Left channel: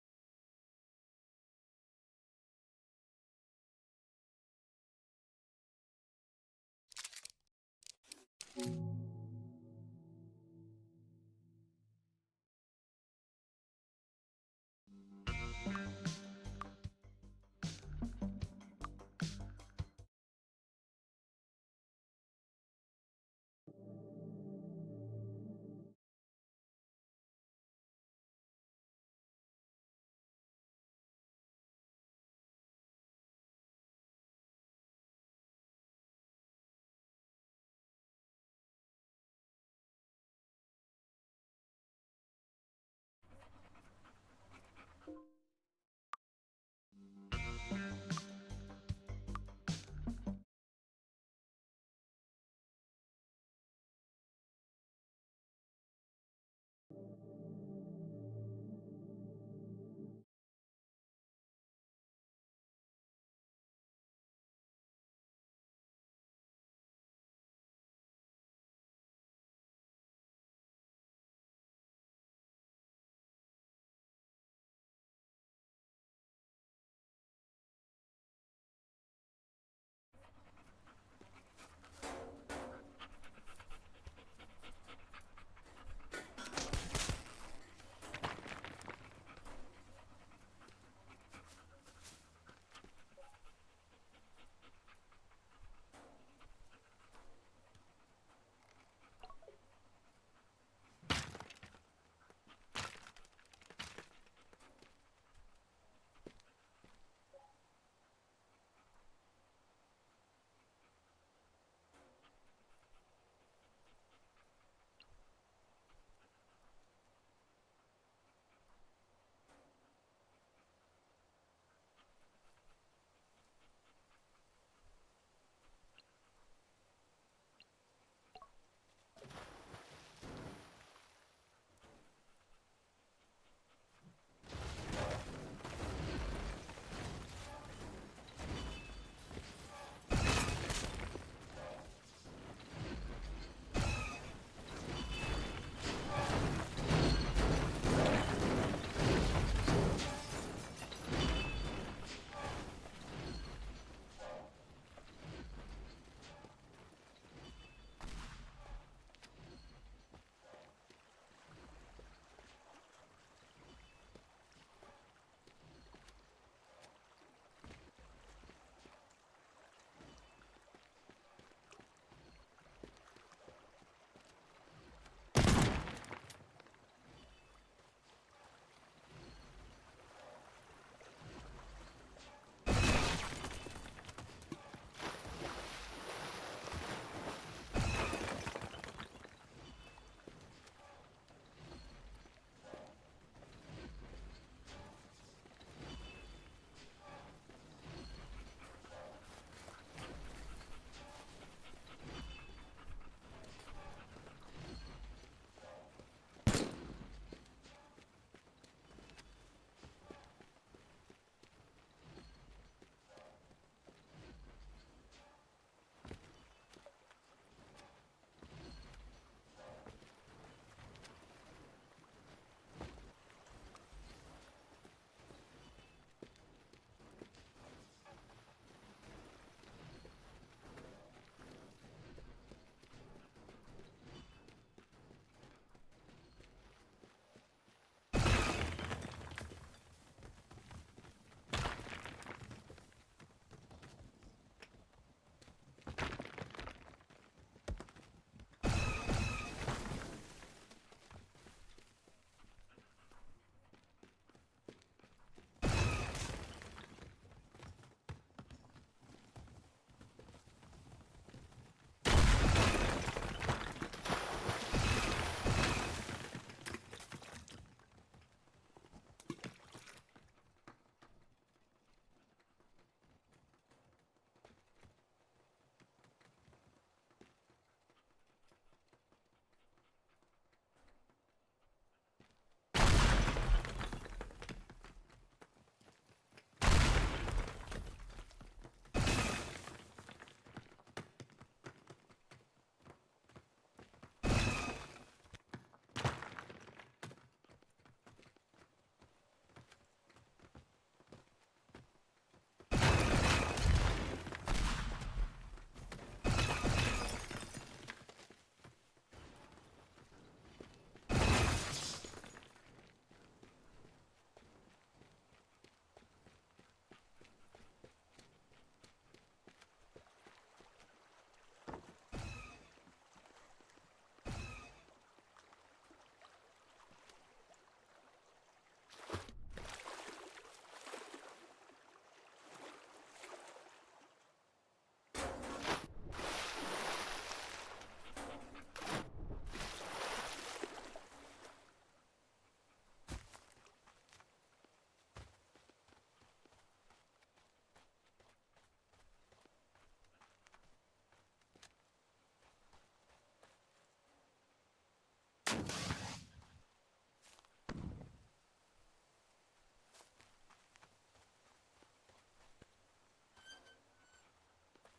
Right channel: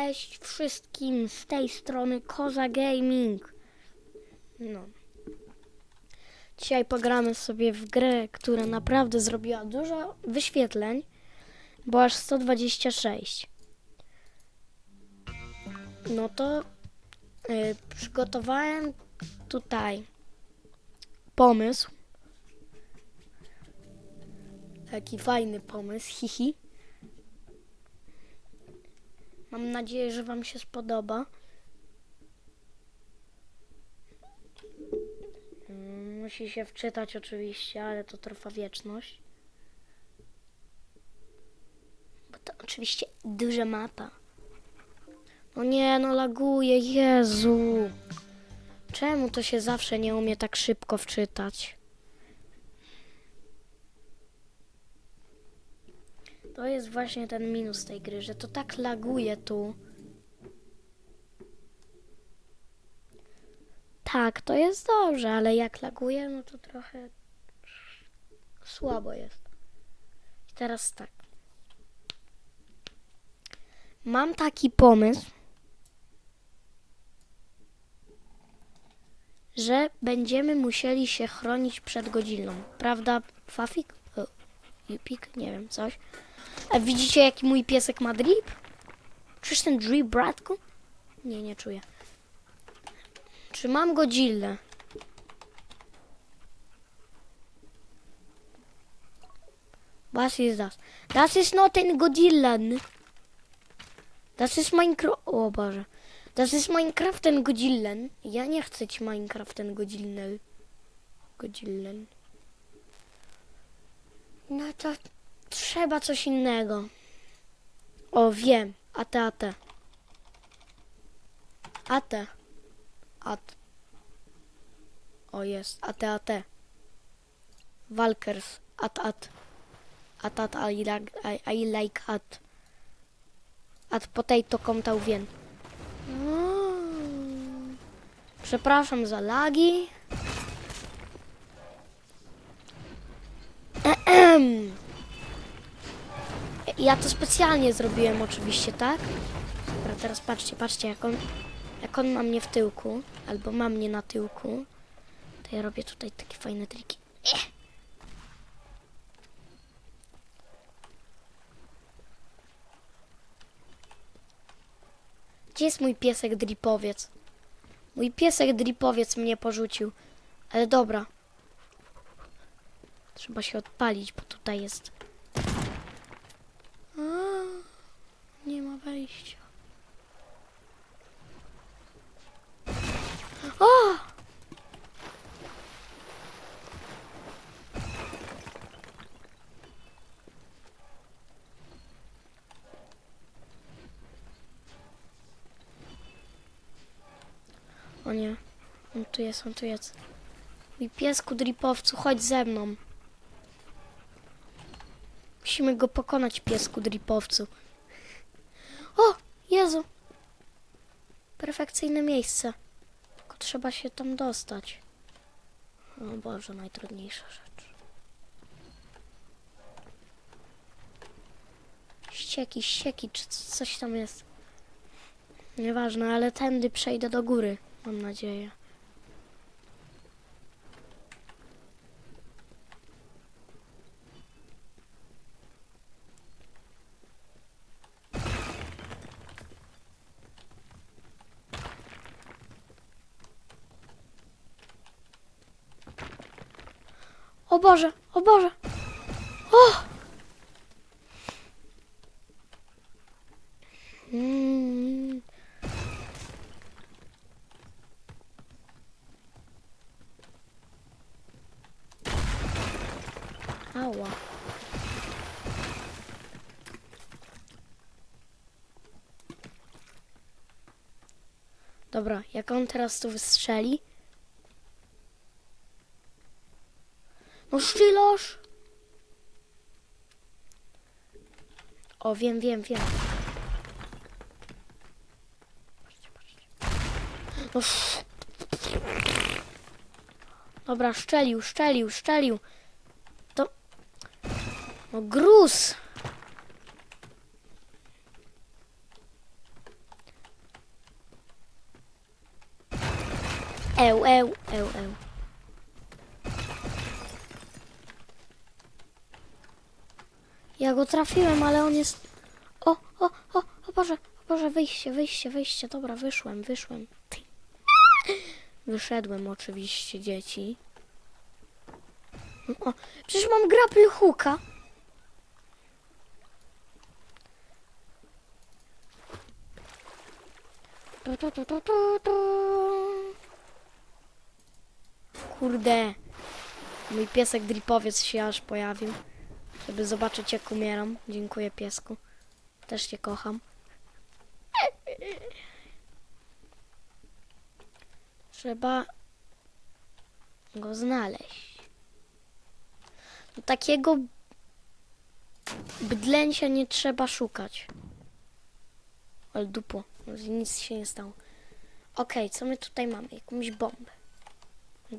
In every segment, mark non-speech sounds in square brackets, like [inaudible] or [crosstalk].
Cześć wszystkim z tej strony Koza Gaming. No. Dzisiaj pogramy sobie w grę, która naprawdę zrobiła dużo wyświetleń, bo aż 126. No to y, przygotowałem tutaj pomysł. Taki fajny pomysł, hihi. Mam nadzieję, że Wam się spodoba. Mm, Musi się wczytać oczywiście, ale to trwa wieczność. Bo to oczywiście duża mapa. No nie, no laguje, Jezu. Czemu to się zawsze nie umie tak szybko wczytać? To jest właśnie ten minus tej gry, że to tak laguje tu. Tak, to jest dobrze, ale jak laguje, no to trochę słabo jest. I teraz tak. Mam taki pomysł, że będziemy musieli się chronić przed godziną. Prawda, Fafik? O, Jupik? Nie wiem, coś. A widzicie, jaki mój piesek ma drip? Czyż ten drip, bratku? Nie, nie czuję. Czy mam Godzillę? Was ist das? Das ist not ein Godzillan. Das ist Minecraft... O Boże. Das ist Minecraft ten Godzillan. Ja nie chcę ci Minecraft ten Godzillan. Godzillan. No to trzeba coś innego. O, wiem. AT, AT. AT. AT. O, jest. AT, AT. Walkers. AT, AT. AT, AT, I like, I, I like AT. AT potato comtauvien. Mm. Przepraszam za lagi. Ja to specjalnie zrobiłem oczywiście, tak? A teraz patrzcie, patrzcie, jak on, jak on ma mnie w tyłku, albo ma mnie na tyłku, to ja robię tutaj takie fajne triki. Eh. Gdzie jest mój piesek dripowiec? Mój piesek dripowiec mnie porzucił. Ale dobra. Trzeba się odpalić, bo tutaj jest a, nie ma wejścia. O! O nie, on tu jest, on tu jest. Mój piesku dripowcu, chodź ze mną. Musimy go pokonać, piesku dripowcu. O, Jezu! Perfekcyjne miejsce. Tylko trzeba się tam dostać. O Boże, najtrudniejsza rzecz. Ścieki, ścieki, czy coś tam jest. Nieważne, ale tędy przejdę do góry, mam nadzieję. O Boże, o Boże! O! Mm. Ała. Dobra, jak on teraz tu wystrzeli, Kościlarz? O, wiem, wiem, wiem. No. Dobra, szczelił, szczelił, szczelił. To... No gruz! Eł, eł, eł, eł. Ja go trafiłem, ale on jest... O, o, o, o Boże, Boże, wyjście, wyjście, wyjście. Dobra, wyszłem, wyszłem. Wyszedłem oczywiście, dzieci. O, przecież mam grapple hooka. Tu, tu, tu, tu, tu. Kurde. Mój piesek dripowiec się aż pojawił. Żeby zobaczyć jak umieram. Dziękuję piesku. Też cię kocham. Trzeba go znaleźć. Takiego bydlęcia nie trzeba szukać. Ale dupo, nic się nie stało. Okej, co my tutaj mamy? Jakąś bombę.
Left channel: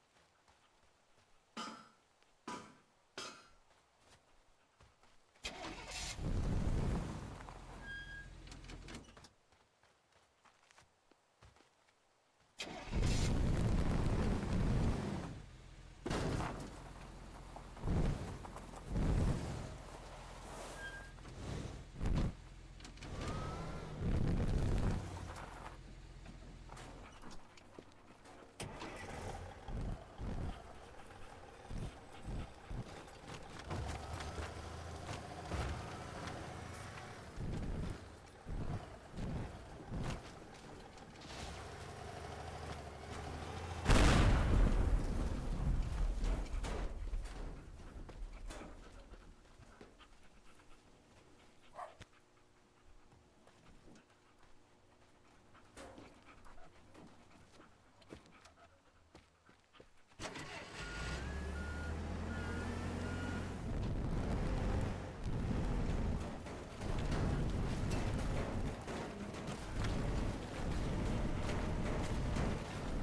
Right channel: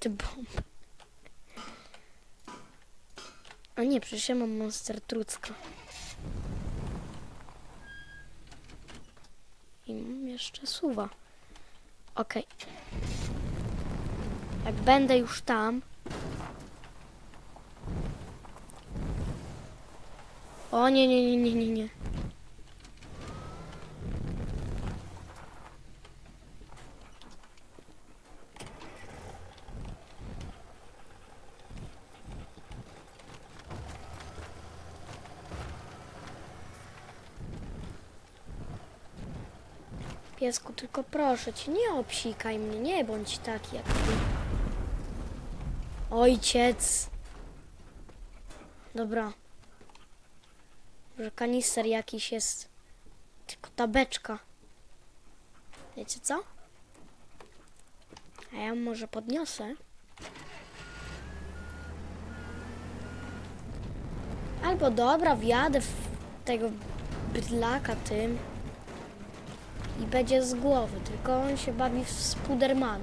Ty bomb. A nie, przecież ja mam monster trucka. I mam jeszcze suwa. Okej. Jak będę już tam. O nie, nie, nie, nie, nie, nie. Piesku, tylko proszę cię, nie obsikaj mnie, nie bądź taki jak... Ojciec! Dobra. Że kanister jakiś jest. Tylko ta beczka. Wiecie co? A ja może podniosę. Albo dobra, wjadę w tego bydlaka tym będzie z głowy, tylko on się bawi w Spidermana.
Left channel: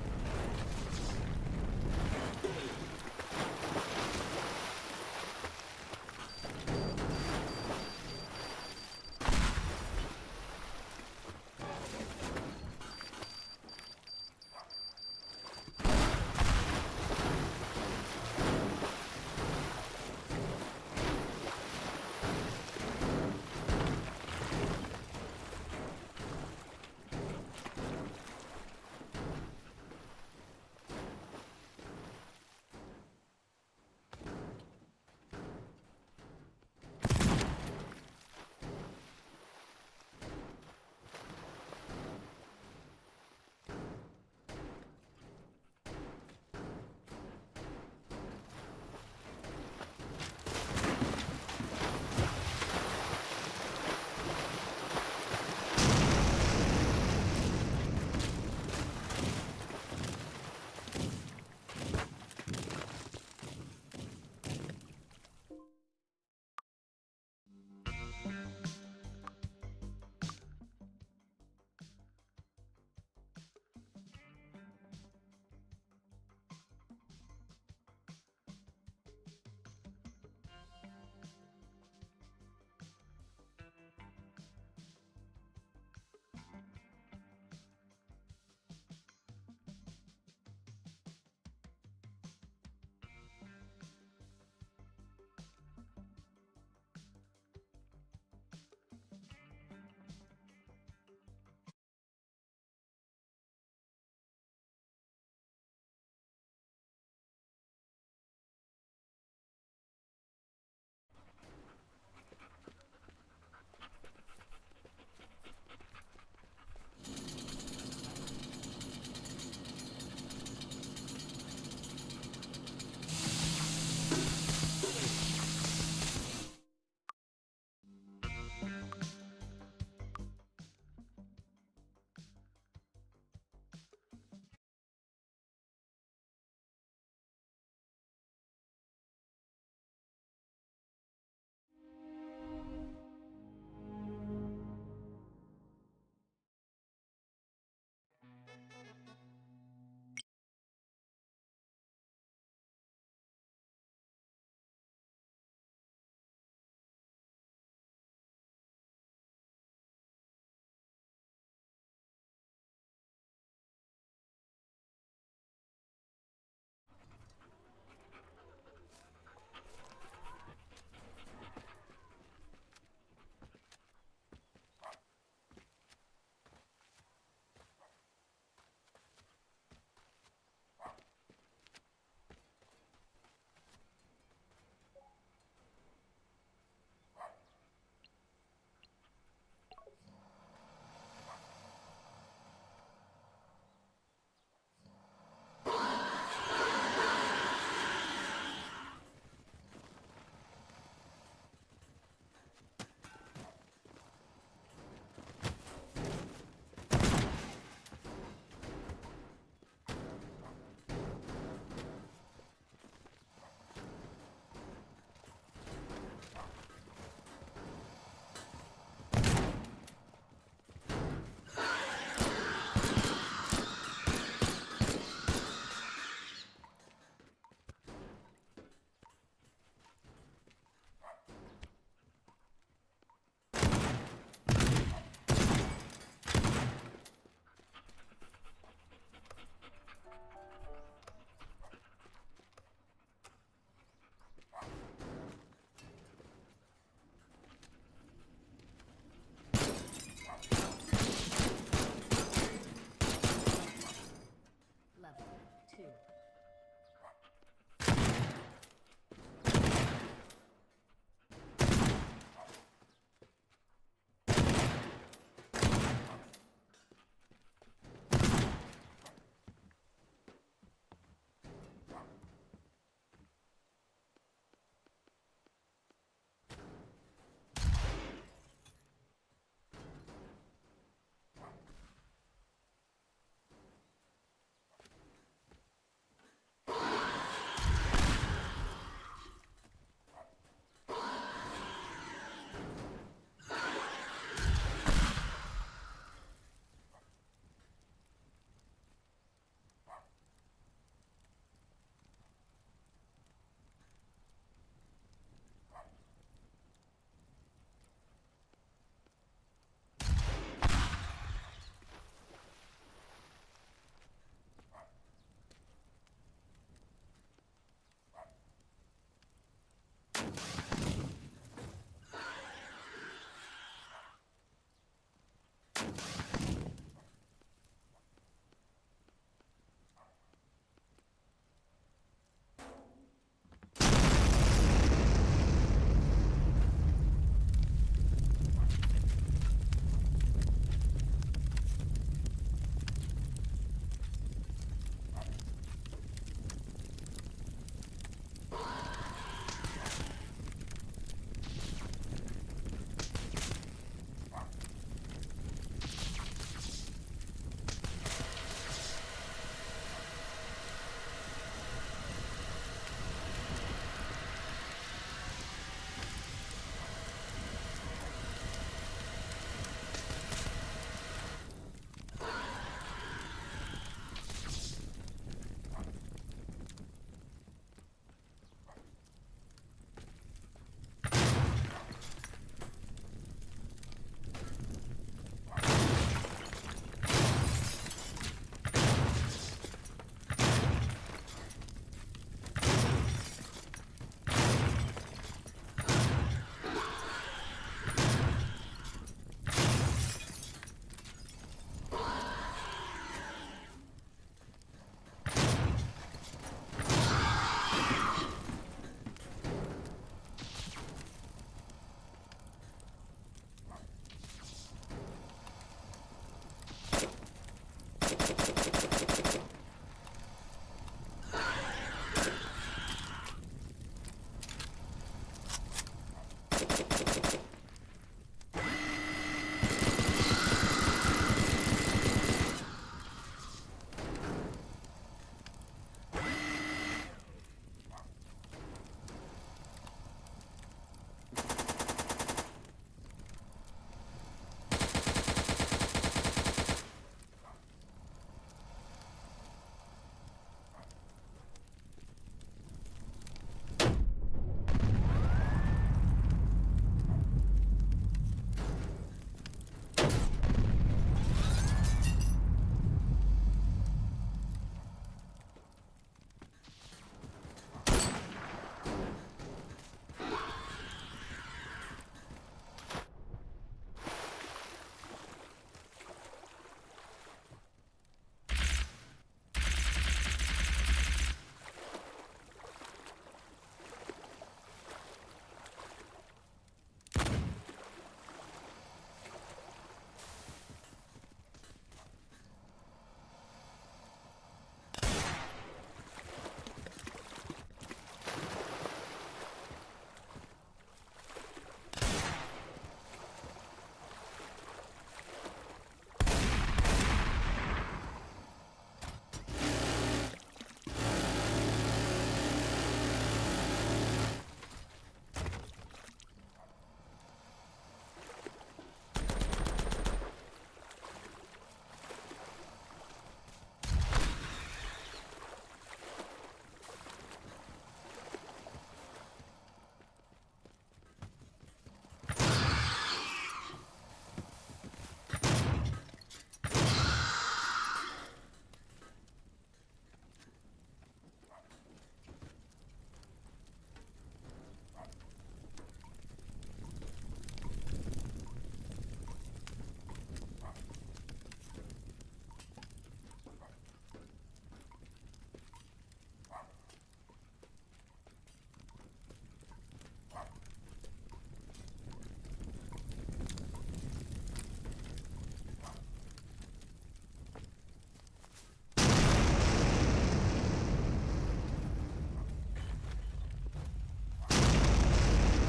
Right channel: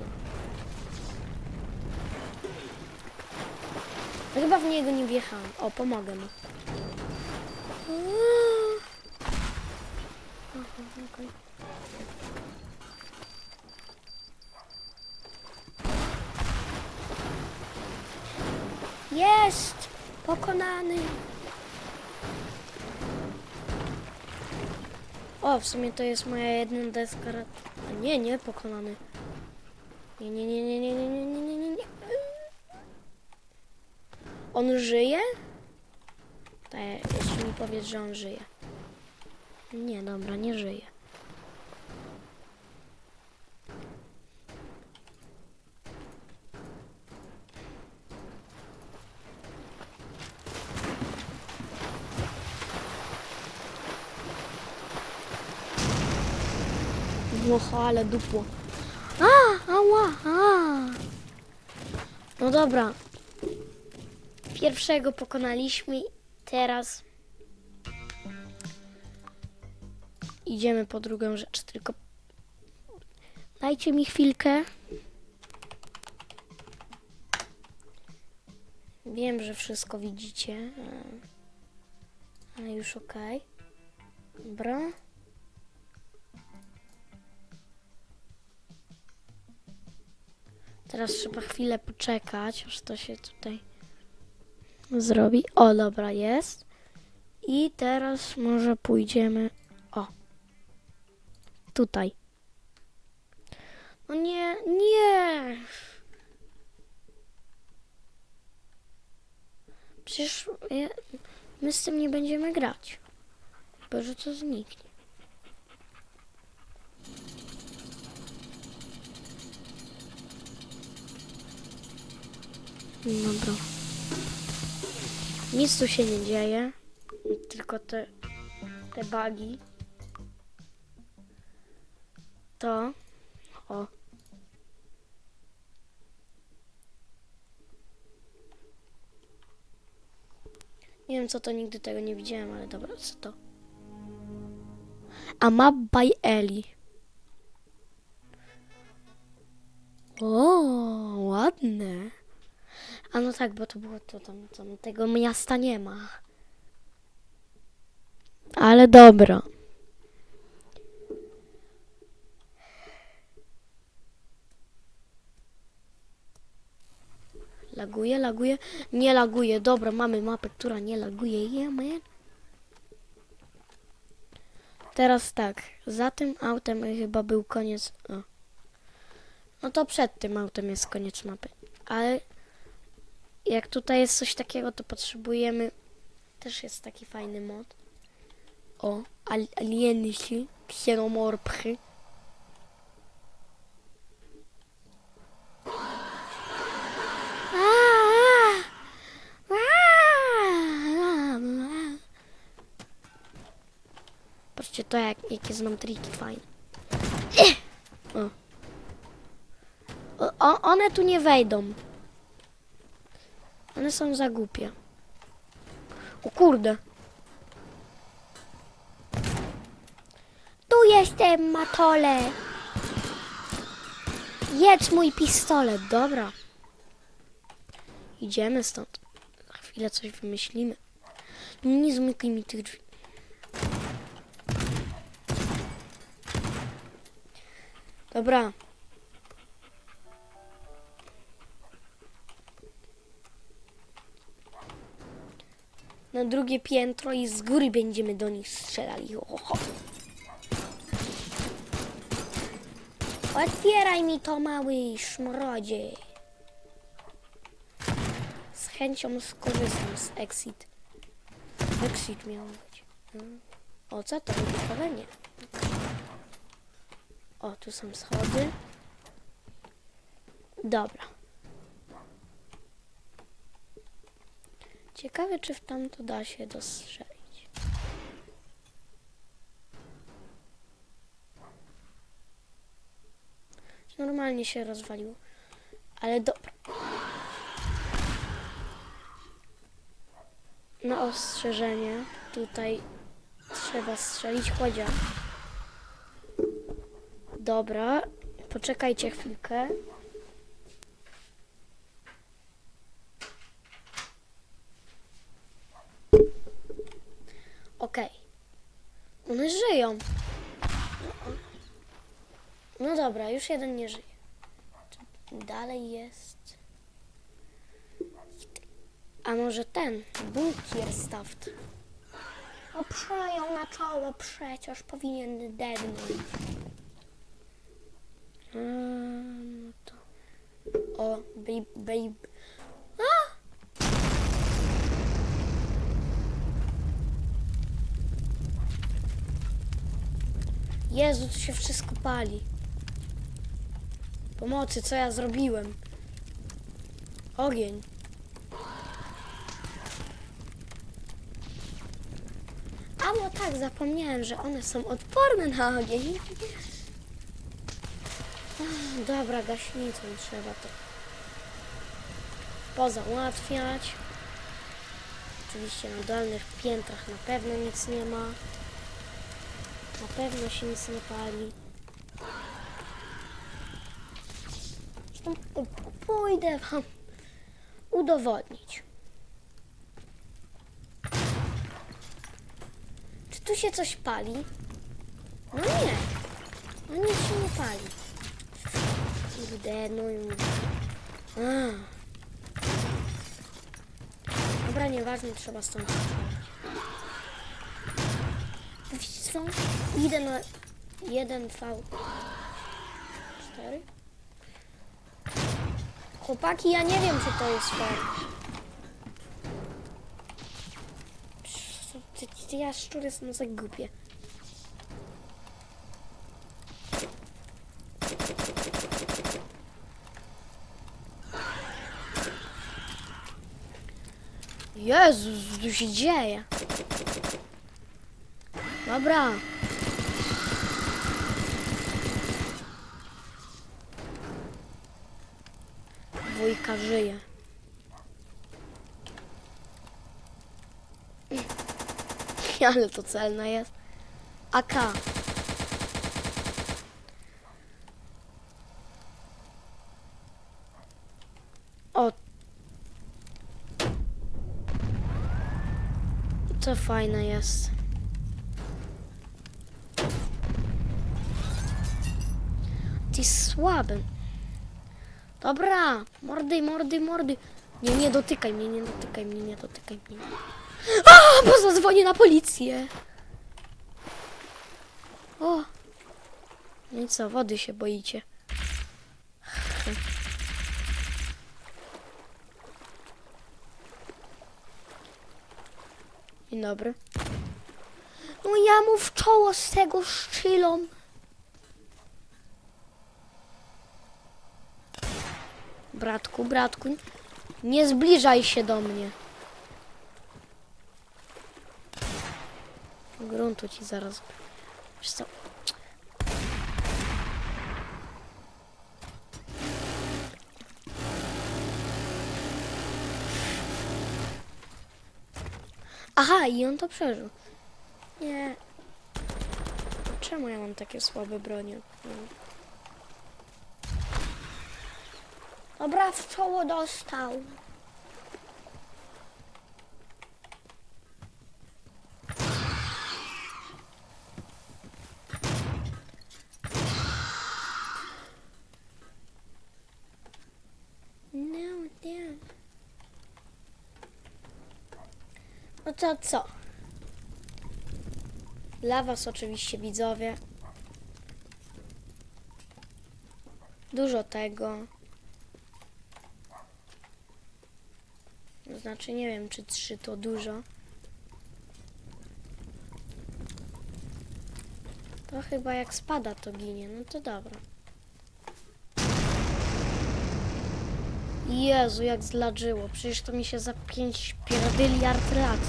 Ja Chyba w niego nie wjechałem. O, pomogę mu. Jest! Pokonany! O, w sumie to jest moja jedna deska. Nie, nie pokonany. Nie, nie, nie, nie, nie, nie, nie, nie, nie, nie. On żyje? Tak, mi powiedz, że on żyje. Nie, dobra, nie żyje. No, ale dupło. A, ała, a. No dobra. Pierwszego pokonaliśmy. Teraz idziemy po drugą rzecz. Tylko dajcie mi chwilkę. Wiem, że wszystko widzicie. e, Ale już ok. Dobra. Teraz trzeba chwilę poczekać, aż to się tutaj zrobi. O, dobra, jest. I teraz może pójdziemy. O. Tutaj. No nie, nie. Przecież my z tym nie będziemy grać. Chyba, że to zniknie. Dobra. Nic tu się nie dzieje. Tylko te, te bugi. To. O. Nie wiem co to, nigdy tego nie widziałem, ale dobra, co to? A map by Ellie. O, ładne. A no tak, bo to było to tam, tam tego miasta nie ma. Ale dobra. Laguje, laguje. Nie laguje. Dobra, mamy mapę, która nie laguje. Man. Teraz tak. Za tym autem chyba był koniec. O. No to przed tym autem jest koniec mapy. Ale jak tutaj jest coś takiego, to potrzebujemy. Też jest taki fajny mod. O, al alieny się, kseromorpchy. Patrzcie to, jak, jakie znam triki fajne. O, o, one tu nie wejdą. One są za głupie. O kurde. Tu jestem, Matole. Jedz mój pistolet, dobra. Idziemy stąd. Za chwilę coś wymyślimy. Nie zamykaj mi tych drzwi. Dobra. Na drugie piętro i z góry będziemy do nich strzelali. Ho, ho, ho. Otwieraj mi to, mały szmrodzie. Z chęcią skorzystam z exit. Exit miał być. Hmm. O, co to? Ale nie. O, tu są schody. Dobra. Ciekawe, czy w tamto da się dostrzelić. Normalnie się rozwaliło. Ale dobra. Na ostrzeżenie tutaj trzeba strzelić podział. Dobra, poczekajcie chwilkę. Okej. One żyją. No dobra, już jeden nie żyje. Dalej jest. A może ten? Bunkierstaft. O, przejął na czoło przecież powinien dednąć. Mm, to... O, babe, babe. A! Jezu, tu się wszystko pali. Pomocy, co ja zrobiłem? Ogień. A no tak, zapomniałem, że one są odporne na ogień. Dobra, gaśnicą trzeba to pozałatwiać. Oczywiście na dolnych piętrach na pewno nic nie ma. Pewno się nie pali. Zresztą Pójdę wam udowodnić. Czy tu się coś pali? No nie. No nic się nie pali. Kurde, no i... Dobra, nieważne, trzeba stąd... Co? Idę na 1 V. 4. Chłopaki, ja nie wiem, czy to jest fajne. Te, te jaszczury są za głupie. Jezus, co się dzieje? Dobra. Wujka żyje. [laughs] Ale to celne jest. AK. O. To fajne jest. Ty słaby. Dobra, mordy, mordy, mordy. Nie, nie dotykaj mnie, nie dotykaj mnie, nie dotykaj mnie. A, bo zadzwonię na policję. O. No co, wody się boicie. Dzień dobry. No ja mu w czoło z tego szczylą. Bratku, bratku, nie zbliżaj się do mnie. Gruntu ci zaraz. Wiesz co? Aha, i on to przeżył. Nie. Czemu ja mam takie słabe bronie? Dobra, w czoło dostał. No, nie. No to co? Dla was oczywiście widzowie. Dużo tego. To Znaczy nie wiem czy trzy to dużo. To chyba jak spada to ginie, no to dobra. Jezu, jak zladżyło. Przecież to mi się za 5 miliard lat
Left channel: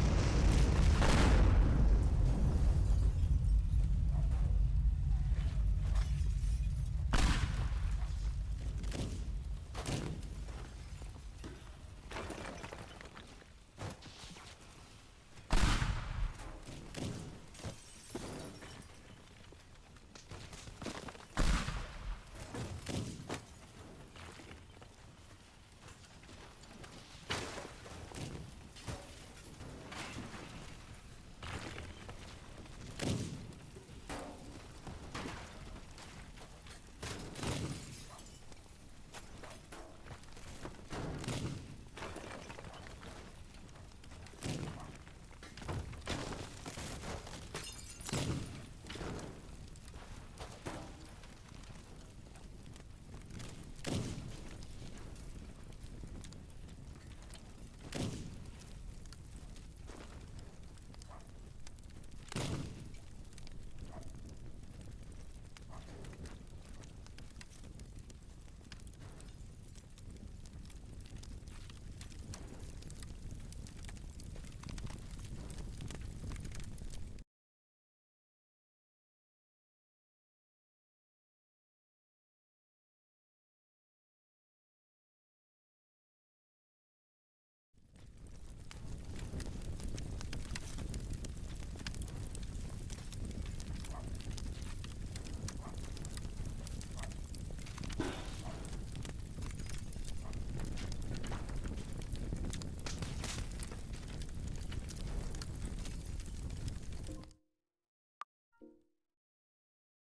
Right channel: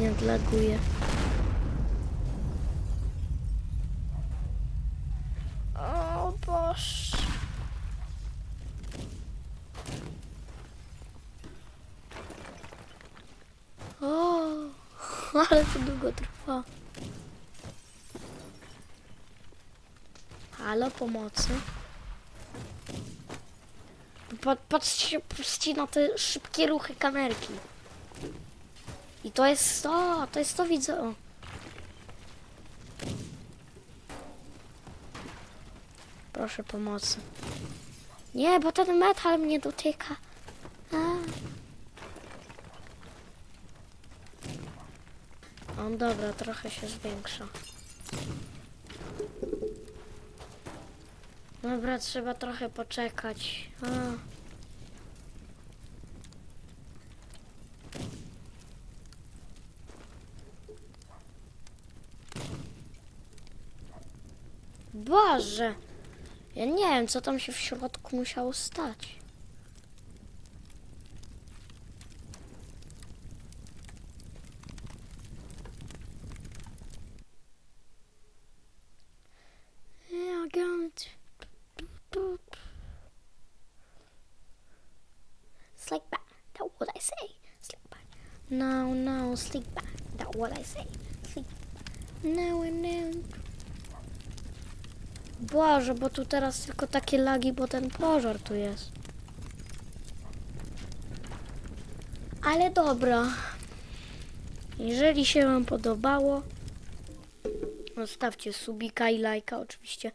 nie zlaguje. O Boże. O, ale to długo trwa. Halo, pomocy. Pa- Patrzcie, patrzcie na te szybkie ruchy kamerki. I to jest to, to jest to widzę. Proszę pomocy. Nie, bo ten metal mnie dotyka. A. O, dobra, trochę się zwiększa. Dobra, trzeba trochę poczekać. A. Boże! Ja nie wiem, co tam się w środku musiało stać. Boże, bo tu teraz tylko takie lagi, bo ten pożar tu jest. Ale dobra. Jeżeli się Wam podobało, zostawcie subika i lajka oczywiście.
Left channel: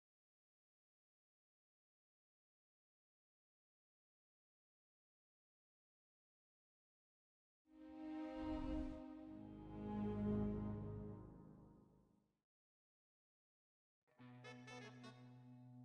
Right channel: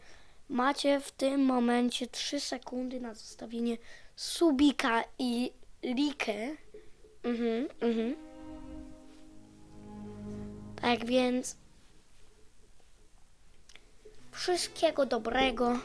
Macie w tym momencie 3 sekundy na zostawienie subika i likę. Mhm, mhm. Tak więc wszystkiego dobrego.